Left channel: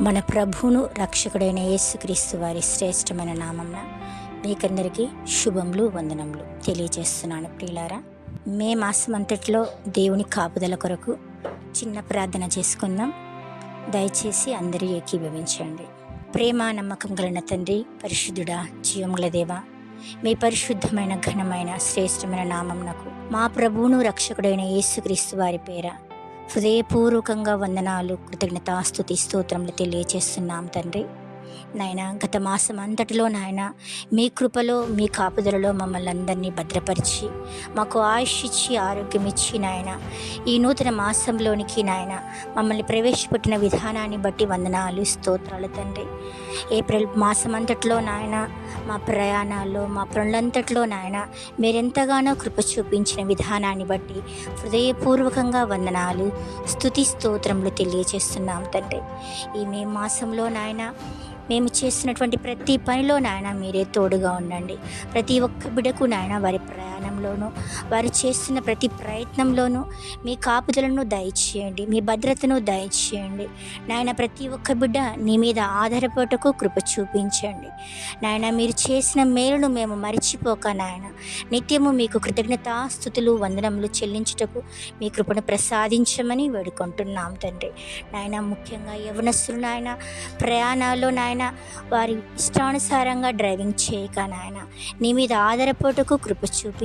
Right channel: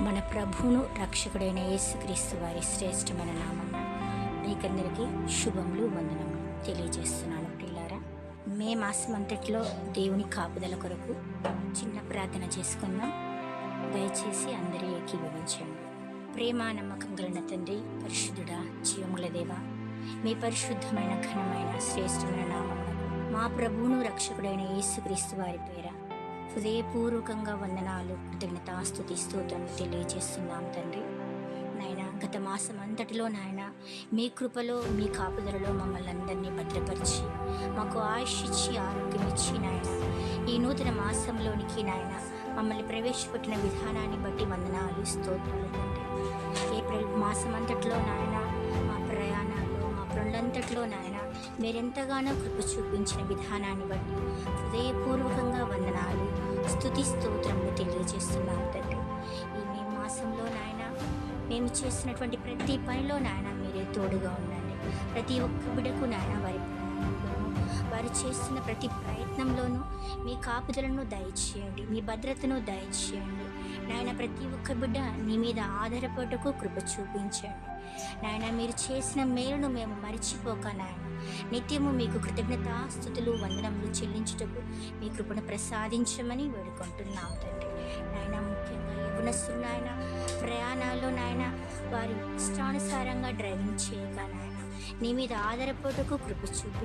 మన ప్రభువును రక్షకుడైన యేసుక్రీస్తు వారి శ్రేష్టమైన నామం మీకందరికీ శుభములు వందనములు తెలియజేస్తున్నాను ప్రియులారా. మే మాసం అంతట్లో దేవుని కాపుదల కొరకు చిన్న ప్రార్థన చేసుకుందాం. దయచేసి అందరూ ఏకీభవించండి. ప్రేమ నమ్మకం కలిగిన తండ్రి పరిశుద్ధుడా జీవముల దేవ మీ పరిశుద్ధమైన ఘనమైన శ్రేష్టమైన నామం నాకు మా ప్రభువును రక్షకుడైన యేసుక్రీస్తు వారి పేర హృదయపూర్వకంగా వందనాలు కృతజ్ఞతాస్తుతి స్తోత్రములు తెలియజేస్తున్నాం తండ్రి. నాయన గత మాసం అంతటిలో నాయన మీ కృపలో మీ కాపుదలలో మమ్మల్ని అందరినీ భద్రపరిచి మాకు ఆయుష్ ఇచ్చి ఆరోగ్యం ఇచ్చి నాయన ఈ నూతన మాసంలోనికి నాయన మమ్మల్ని ప్రవేశపెట్టిన విధానాన్ని బట్టి వందనాలు స్తోత్రాలు తండ్రి. ఏప్రిల్ మాసం అంతట్లో నాయన మా ప్రయాణాల్లో మా పనులంతట్లో నాయన మీరెంతగానో కృప చూపించిన విధానాన్ని బట్టి హృదయపూర్వకంగా వందనాలు స్థుతి స్తోత్రములు తెలియజేస్తున్నాం తండ్రి. ఈ మే మాసంలో నాయన మేము చేసినటువంటి ప్రతి పనిలో నాయన మీరే తోడుగా ఉండండి. ప్రతి ఒక్క బిడకు నాయన వారి ప్రయాణంలోనూ వారు చేస్తున్న ప్రతి ప్రయత్నంలోనూ మీ కాపుదలను దయచేయండి మీ భద్రతను దయచేయండి. నాయన ప్రతి ఒక్క బిడ్డ నీ మీద ఆధారపడటకు కృప చూపించండి. నాయన మీరు చేసిన మేలును మేము మరిచిపోక నాయన నిత్యము మీకు కృతజ్ఞతాస్థుతులు వందనములు చెల్లించుటకు మీ కృపను ప్రసాదించమని వేడుకుంటున్నాం తండ్రి. నాయన ముఖ్యంగా యవనస్తులు నాయన ప్రయాణాల్లో నాయన వారి ఇష్టానుసారంగా డ్రైవింగ్ చేయక నాయన నీ మీద ఆధారపోటకు కృప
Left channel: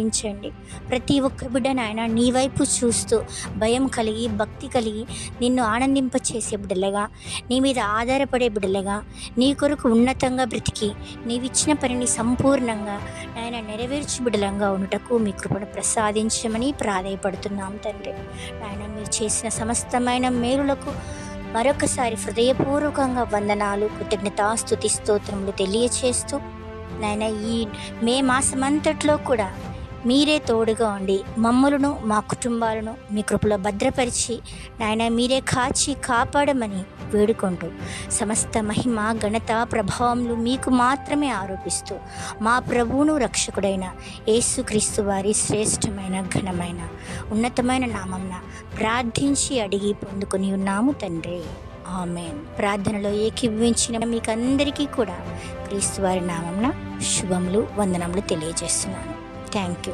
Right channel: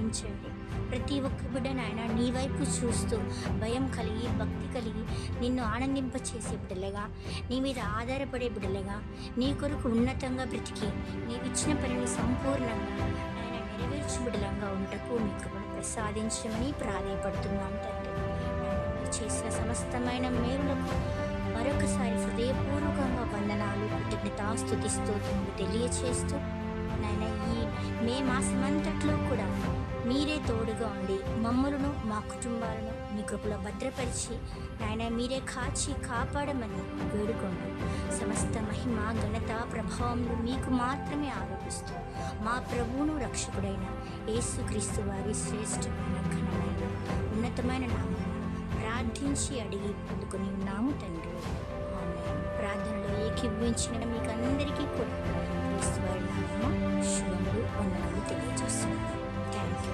చూపించండి ప్రతి ఒక్క బిడ్డ నాయన నీ వైపు చూస్తూ భయం కలిగి భక్తి కలిగి నిన్ను ఆనందింపచేసే బిడ్డలుగా నీ మీద ఆధారపడే బిడ్డలుగా నీ కొరకు ఉన్నతంగా బ్రతికి నీవిచ్చిన పనిని సంపూర్ణంగా ఆయన నెరవేర్చు బిడ్డలంగా ఉండటకు మీ కృపను ప్రసాదించమని ప్రాధాయపడుతున్నాం తండ్రి. ఆయన మీరు చేసిన సమస్తమైన మేలులకు మరొకసారి హృదయపూర్వకంగా వందనాలు కృతజ్ఞతాస్తుతి స్తోత్రములు తెలియచేస్తూ నాయన ఈ మే మాసమంతట్లో కూడా మీరే తోడుగా ఉండి మమ్మలను మా కుటుంబాలను మీ కృపలో భద్రపరిచి నాయన మీరే కాచి కాపాడమని వేడుకుంటూ సమస్త మహిమ ఘనత ప్రభావములు మీకు మాత్రమే ఆరోపిస్తూ మా ప్రభువును రక్షకుడైన యేసుక్రీస్తు వారి శ్రేష్టమైన ఘనమైన ఉన్నతమైన నామంన ప్రార్థించి అడిగి పొందుకుని ఉన్నాము తండ్రి. ఆమె ప్రార్థనలో ఏకీభవించిన మీకు అందరికీ కూడా క్రీస్తు వారి నామంన శుభములు వందనములు తెలియజేస్తున్నాను. Thank you